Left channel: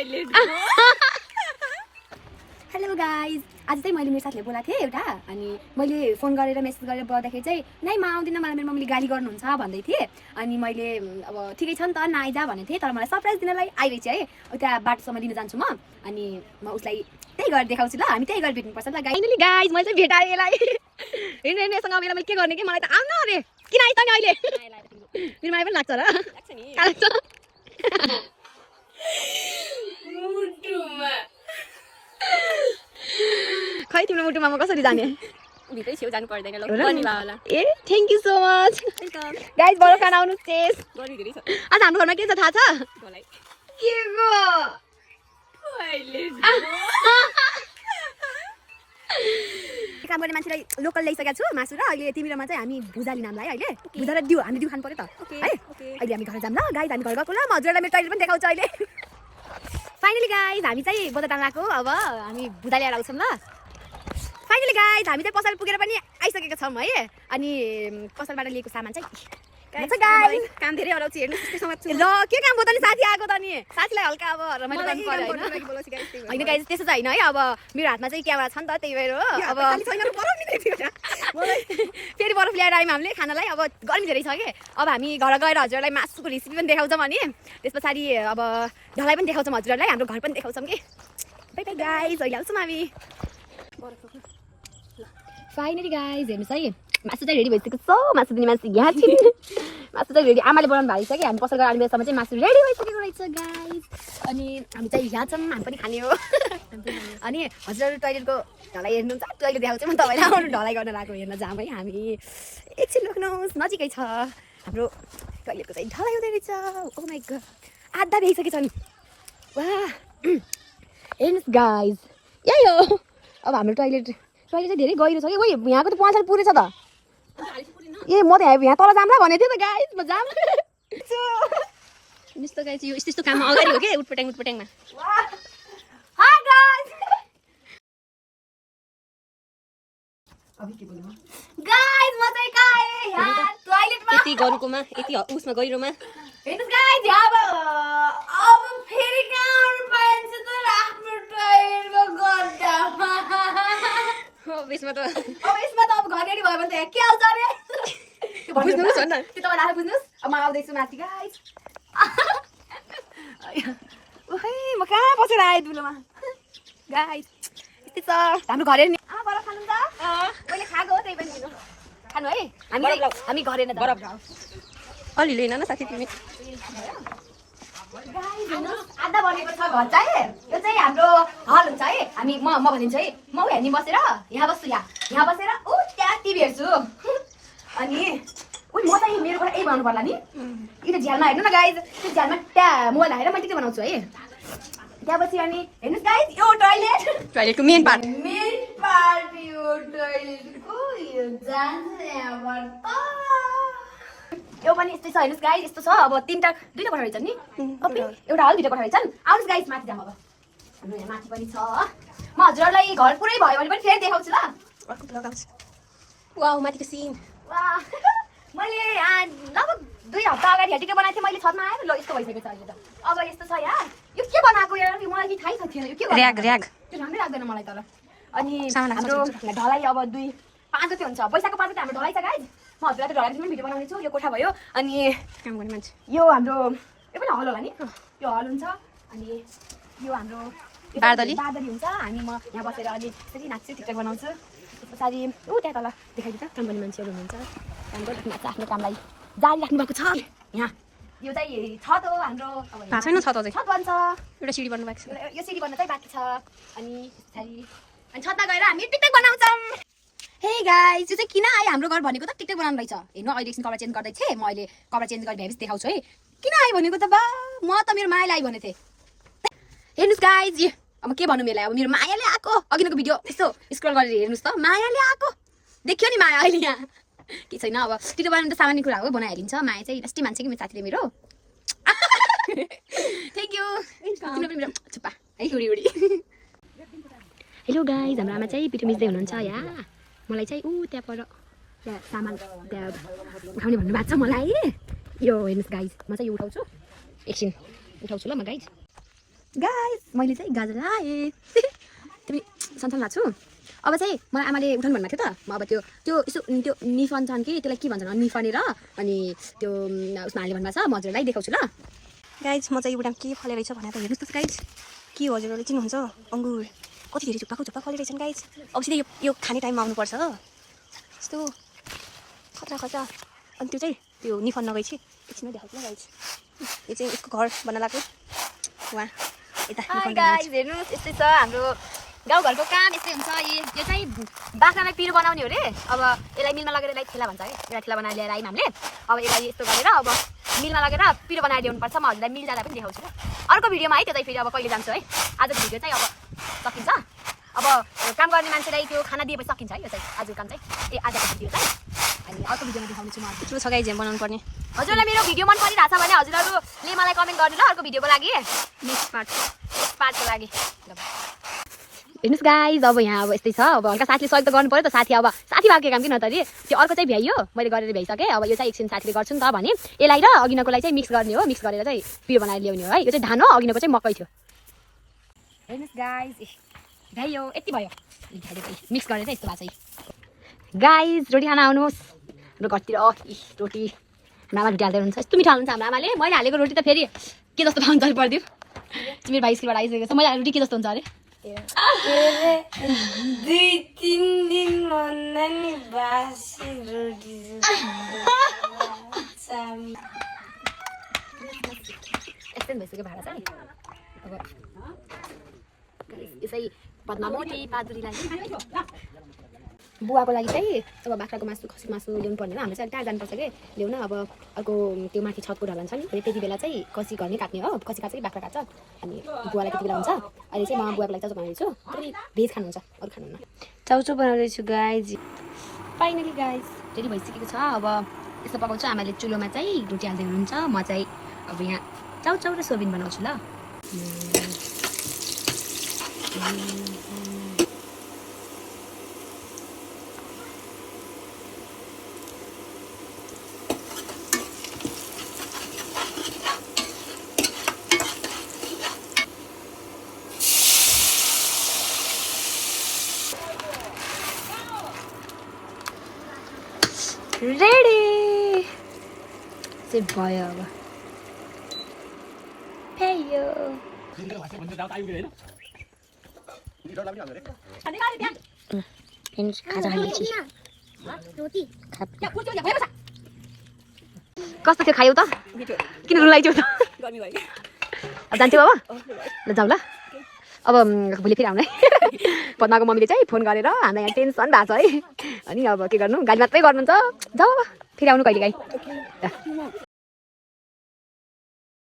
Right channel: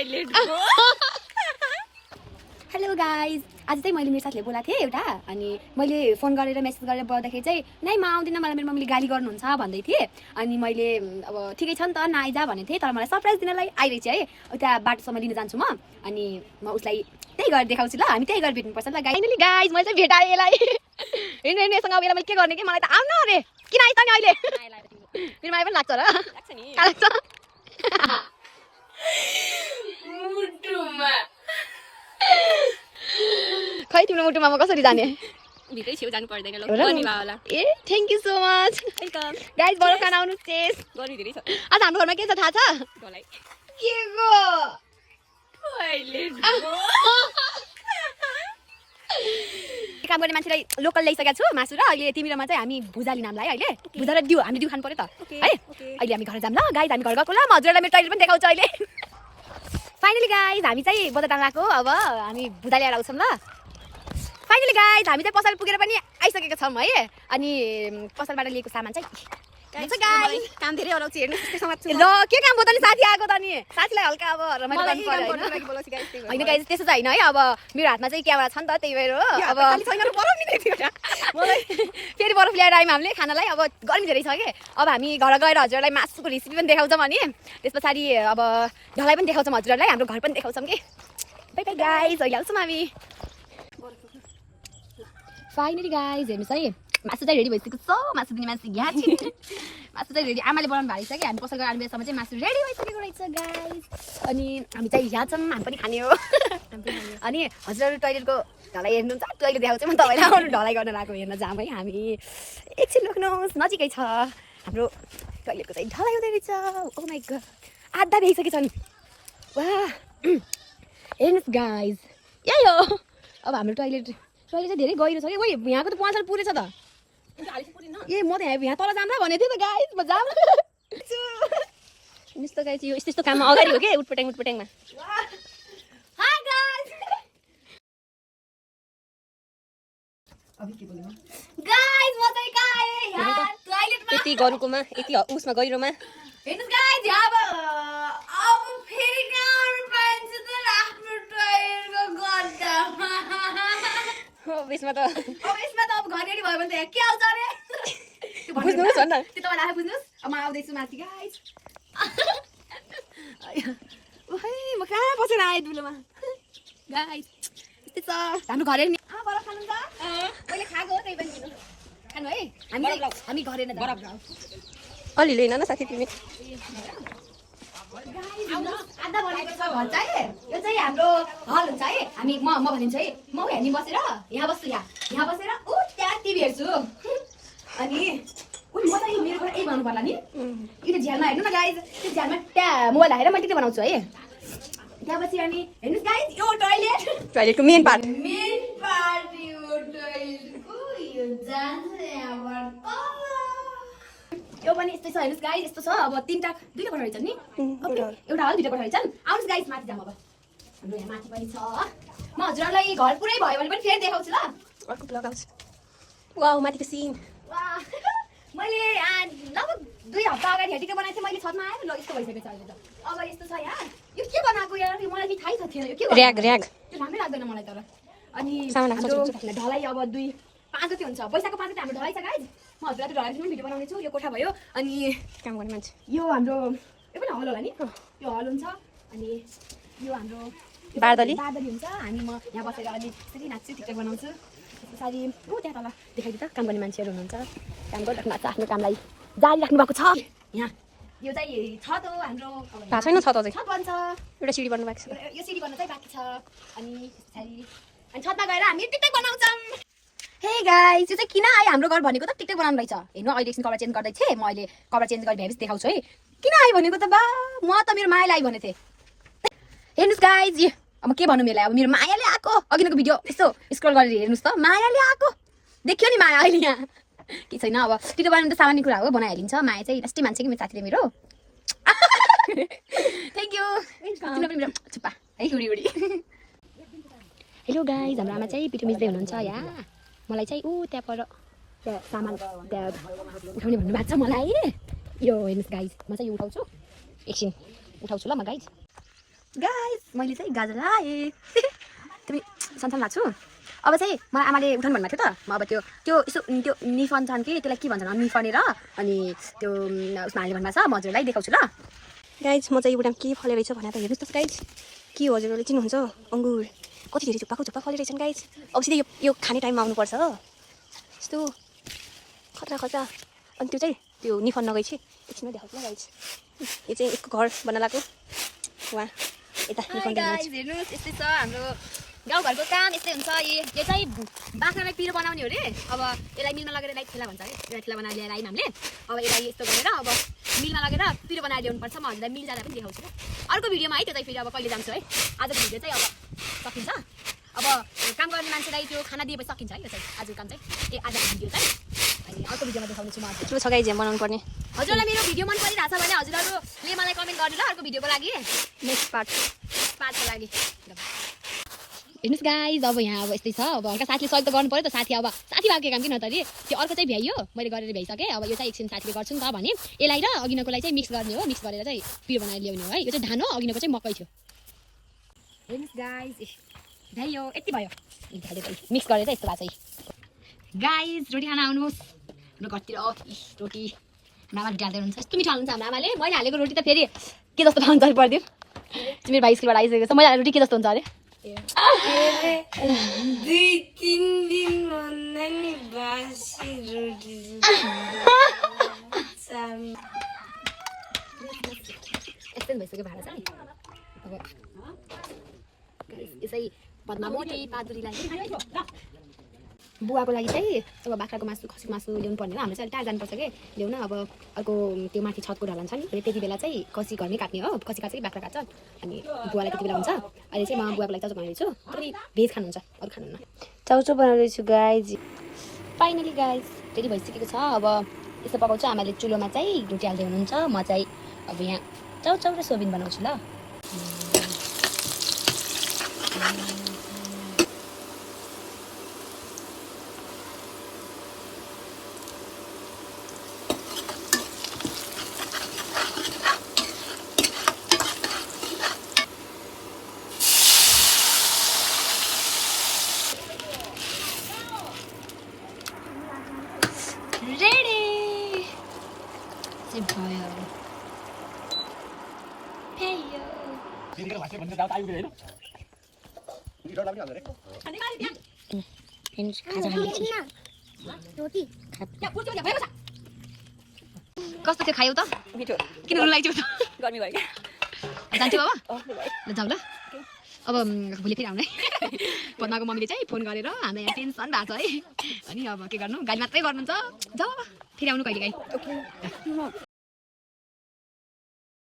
Hello guys, आज चाहिँ मैले मेरो साथीले बोलाएको थिएँ एउटा, अनि मैले फोन गरेर मेसेज गरेर बोलाउँदाखेरि चाहिँ नै म आउँदिनँ, मलाई मेरो मम्मीले गाली गर्नुहुन्छ भन्दै थिएँ। अनि मैले अब ठिकै छ नि त नआइजा भनेको थिएँ, तर मलाई सरप्राइज दिनलाई आइरहेछ है। उता बाटोसम्म लिन जान्छु म, अनि म उसलाई त्यही गरेर देखाउँछु ल, हामी त्यही गरेर भेट्नुपर्छ ल गाइज। गाइज मैले चाहिँ भेटाएँ यसलाई। हिँड्नु यसँग अब यसलाई मैले के गर्ने कि, मलाई त आउनु अरे किन आइस नि अहिले, मेरो माया पनि लाग्छ र लाग्छ खै तिम्रो मुटुमा म कसरी जाने, भित्रै छेउ जानु पर्दैन ल गर्नी होला। ए thank you so much guys, बडो खाना आउनु टेस्ट गरी धेरै छ। आज हाम्रो घरमा के छ थाहा छ? मलाई के गो काम गर्ने मान्छेलाई लोकल ल्याइसकेको छु मासु र अहिले तिमीरोमा चाहिँ हामी भुजा लिन हामीलाई अहिले भुजा र दिउ हामी दिउ खानु पर्यो त है। अहिले हामी घर जाम ल गाइज, हामी घर गएको ल, म हजुरलाई मेरो टोइलेट पनि देखाउँछु अहिले। फाइनली गाइज हामी चाहिँ बजार जान लागेको, अब हामी भुजा ल्याएर आउँछौँ ल। फाइनली गाइज हामी चाहिँ पसल पुगेर पनि आइसकेका छौँ है। अनि पसलबाट लिएको सामान चाहिँ गाइज काम धेरै हराउँछ हेर्नु ल के काम भयो त नि, साथी आएको त नि, साथीलाई हल्का अब रमाइलो गर्नु पर्यो होइन गाइज, त्यस्तो चाहिँ होइन है। अब मेरो हातमा चाहिँ क्यामेरा छ नि त, त्यही भएर हो। अब मलाई फेरि बरफ ल्याएर आयौँ हामीले खानालाई, अब गर्मी धेरै छ कि। अब हामी घर गएर हजुरलाई मासुको रेसिपी पनि देखाउँछौँ, अनि त्यस पछाडि अब ढलाई पनि देखाउँछौँ हजुरहरूलाई, हाम्रो घर पनि देखाउँछौँ कि। बाइ बाइ गाइज, अहिले आउँछौँ हामी। फाइनली गाइज हेर्नुहोस् है, मासु चाहिँ रेडी भइसकेको छ, मासु दिने मान्छे यहाँ छिन्। मासु चाहिँ रेडी आमाले बनाउनु भएको छ कि, हामी पसल गरेर आउने बेलासम्म चाहिँ मासु रेडी भइसकेको रहेछ गाइज। अनि हामी चाहिँ यहाँ छौँ, हामी पनि खाने हो। अनि हजुरहरू टोइलेटको ढलाइ हेर्नुहुन्छ, टोइलेट देखाउँछु म तपाईँलाई, अरू ढलाइ गर्न लागेको हेर्न जाऊँ है हामी। एकछिन रोक्नुहोस्, नजिकै छ हाम्रो टोइलेटको चाहिँ ढलाइ हुँदै रहेछ। ओ माइ गड, आधा देखिसकेको छ नि, वाह हेर्नुहोस् गाइज, यही हो अब हाम्रो टोइलेट चाहिँ धेरै गहिरो छ कि। ओइ यहाँको त पसल पुरेछ त, ए म त यहाँ तल जाम ल भनेको थिएँ त गाइज, म जाम यस्तो गाइस यो यस्तो काममा अगाडि हो के उटपटाङमा हाय गाइज। अबि के बोल्नु गाइज, म चाहिँ कहाँ आएँ यहाँ टोइलेटमा, यति गरुकोमा यति उसमा गहिरोमा। हेर्नुस् गाइज, अब फेरि कहाँ पाइन्छ त आफ्नो टोइलेटको गड्डामा। अब यसमा त अब घर रेडी भयो भने त के आउँछ अरे बुझ्नुहोस् न, त्यो तपाईँ आफै बुझ्नुहोस्। अब म आउँदैछु माथि गाइज। ओहे म कहाँ बसेर आएँ दुलोमा गाइज, यस्तै छ हाम्रो घर हेर्ने। बरफ खानु त मैले खाएको हो, त्यही पनि दिनु खानु है। हामी घर हेर्न बरफ अलि लिन न साथी तिमी। गाइज हेर्नुहोस्, आधा बनेको छ घर चाहिँ, यो चाहिँ हाम्रो हल हुन्छ है। हामी म भनिदिन्छु है, म हेर्ने बसेर यहाँ बस्छु, यहाँ बसेर ऊ त्यहाँ टिभी हेर्छु। अनि उही म चाहिँ मेरो घर यही बनाउनु पर्ला नि, यो झ्यालमा हेर्नु न गाइज, त्यो झ्यालमा त्यहाँ मोबाइल हालेर मैले त्यो बनाउँछु है। त्यहाँपछि अनि हेर्नुहोस् गाइज, यो टोइलेटको मेन पार्ट यो टोइलेटको यो जान्छ यहाँबाट यो पनि यस्तै छ। हेर्नुहोस् गाइज, यस्तो छ। अब दुईटा कोठा रहेछन् नि, एउटा हल दुईटा कोठा रहेछन्। आउनुहोस् गाइज माथि जाम, अब हाम्रो यहाँ माथि पनि छ। म हजुरहरूलाई घर पुरै भयो भने पनि फेरि देखाउँछु ल। वाउ माथिको सिन मैले लगभग 2 हप्ता अगाडि हेटिको बनाएको थिएँ मैले, छतमा आएर ल यस्तो भइसकेको छ अहिले त। अब यस्तो छ यहाँ, यो के बनाएको यार, मलाई थाहै थिएन यो के र्याग त्यो नामै लाग्दैन मलाई तर। अनि हाम्रो ढलाइ अब 2-5 जति हुन्छ, पैसाको 5 जति हाम्रो ढलाइ छ गाइज। म हजुरलाई त ढलाइ भिडियो बनाउने छु। यो कोठा भयो, अनि यो हाम्रो यो पनि हल होला नि, यो हल हुन्छ। अनि यो हाम्रो बादली हुन्छ। अनि म यहाँ बसेर अलि यसरी नाच्छु, टिकटक बनाउँछु। त्यस पछाडि ऊ त्यहाँ तल देखाइदियो त काम गर्ने मान्छेहरू हुनुहुन्छ, काम गरिराख्नु भएको छ, आफ्नो कामलाई जारी राख्नु भएको छ। यहाँ यो चाहिँ छत हो हाम्रो, छत बन्छ, एउटा सिडी बन्नु भएको छ, यो सिडी बन्न चाहिँ बाँकी छ। अनि छतमा गएर हामी टिकटक बनाउँछौँ। हे गाइस, यो चाहिँ किन आयो हाम्रो घर भनेको त टिकटक बनाउनु रहेछ। हेर्नु अहिले एकछिन कपडा चेन्ज गर्दै थिएँ, म अहिले कपडा चेन्ज गरेर भ्याएपछि देखाउँछु है। किन आयो भनेको त बा, म त मेरो मायाले आयो भनेको थिएँ। हेर्नुहोस् गाइज, अब के भन्नु मेलाई, अब मेरो मायाले आएको। अघिको भिडियो यस्तो स्क्रोल गरेर हेर्नुहोस् त, मायाले आएको देखियो नि माया। अहिले यहाँ के छैन, अब टिकटक बनाउनु त सामान्य कुरा हो, बनाइहालिन्छ। माया चाहिँ लास्टै मान्छे कि मेरो साथीले मेरो। थ्याङ्क यू तिम्रो पनि मेरो छुप्पा है उडी उडी। हेलो गाइज, हाम्रो आमा चाहिँ पिठो मिच्दै हुनुहुन्छ यहाँ। मलाई चाहिँ ऊ त्यहाँ पर त्यहाँ सामान त्यहाँ उठाउने भन्नुभएको छ मलाई। यो हेर्नुहोस् गाइज, म चाहिँ यो उठाउँछु, एकछिन उठाउँछु ल म गाइज। गाइस मैले चाहिँ गाजर लाएँ तिमी सन्तान लाग्छु अब चाहिँ मलाई आमाले उठाउनु भन्नुभएको थियो त म अब त्यो त्यो यसो त्यो निफन्छन् कि त्यसलाई के भन्छन् निफनेर अनि त्यो उसमा हाल्ने भन्नुभएको छ म हजुरलाई देखाउँछु ल गाइज म चाहिँ एउटा के फले रहेछ भनेर त हेर्नुहोस् त गाइज के हो हजुरहरूले चिन्नुहुन्छ अङ्गुर कति धेरै झुप्पा फले रहेछन् गाइज अब सिधै यो खाने टाइममा आउनुपर्छ यस्तो खतरा खतरा अनि त्यो चाहिँ त्यो निफन नगएछ एकछिनै देखाउँछु ल गाइज यो चाहिँ यसको घर बन्न लाग्यो वहाँ यता निफन गाइस हेर्नुहोस् यस्तै छ हाम्रो गाउँघरको काम यस्तै हुन्छ यो चाहिँ बाख्रालाई पिरो बनाउने हो रे अब यसलाई मिलमा लगेर यसलाई ठेला भन्छ है यसलाई ठेला बनाएर ल्याएर आयौँ हामीले अब यसलाई यस्तो गरेर अब मिलमा लगेर पिरो बनाएर ल्याउनुपर्छ म हजुरलाई मिल जाँदा पनि देखाउँछु ल अर्को भिडियोमा है त्यो चाहिँ फेरि अब कहिले जान्छु है आजको भिडियो चाहिँ अब सकिन्छ अब काम गर्ने मान्छेलाई त्यो खाना दिएपछि सकिन्छ है यो चाहिँ आजको काम चाहिँ आजको भिडियो चाहिँ अनि अर्को भिडियोमा देखाउने छु म हजुर ठुलो छ गाइज बनाउनु पर्ने हजुरलाई मेरो भिडियो मन परिरहेछ भने हजुरहरूले मलाई कमेन्ट गर्नु ल अर्को भिडियोको लागि नेक्स्ट पार्टको लागि हेर्नुहोस् गाइज अब यहाँ अब यस्तै छ अब हल्का साथीले सहयोग त गर्नु पर्यो त साथी अब साथी भएको काम किन त अरे त्यो अर्को चाहिँ भ्याइयो मैले गरेर भ्याइसकेँ अब यो चाहिँ एकछिन साथीले गर्छु नि त भने यसलाई र अघिनको चाहिँ मिक्स गर्ने हो मिक्स गरेर चाहिँ पिरो बनाएर ल्याउने हो है यो चाहिँ धान हो अघिनको चाहिँ मकै थियो हेर्नुहोस् गाइज भ्याइयो यति भयो मिक्स गरेर चाहिँ यस्तो भएको छ गाइज रोटी खाना आउनुहोस् हाम्रो घरतिर रोटी हाम्रो आमा रोटी हाल्दै हुनुहुन्छ यस्तो मिठो हाल्नुहुन्छ हाम्रो आमाले मैले हालेको रोटी त फेरि के जस्तो हुन्छ पर्दैन मेरो भाइ स्कुलबाट आइसकेको छ मैले हालेको रोटी के जस्तो हुन्छ अरे 2-3 दिन भन्दा नि बासी रोटी एक्सटेन्ड भइसक्यो भाडा चाहिँ अब यसै पदमा मोटी पादुरीलाई बुवाको लागि चाहिँ अब बाख्राको मासु खसीको मासु ल्याउनु पर्ने हो हाम्रो चाहिँ टाढा जानुपर्छ कि ल्याउन अब अर्को त्यो माथि छतको ढलन छ नि त्यति बेला चाहिँ खसी घरमै काट्ने हो खसी काट्छ कि बाख्रा काट्छ अनि बुवालाई त्यति बेला हुन्छ अहिले चाहिँ म बुवाको लागि चाउचाउ बनाउँदैछु तपाईँ भेज खानुहुन्छ अरू खानुहुन्न चाउचाउ बनाउँदैछु गाइज फाइनली गाइज रेडी भइसकेको छ अब यस्तो पकाउँछु आमाले चुलोमा चाहिँ रोटी हाल्दै हुनुहुन्छ म चाहिँ अब यहाँ चाउचाउ र सोबिन बनाउँछु ल रेडी चाहिँ भयो अब हेयो खाजा खाने कस्तो थियो खायौ त किन रुन लाग्यो त गर्मी भयो जान्थ्यो अब ल जाऊ ल अब भोलि फेरि आउनु है पद्माको मम्मीले चाहिँ फोन गरेर हामीलाई यहाँ टेन्सन भएको छ है अनि अब के गर्नु गाली मात्रै गर्नुहुन्छ जाऊ अब फेरि आउनु कहिले काहीँ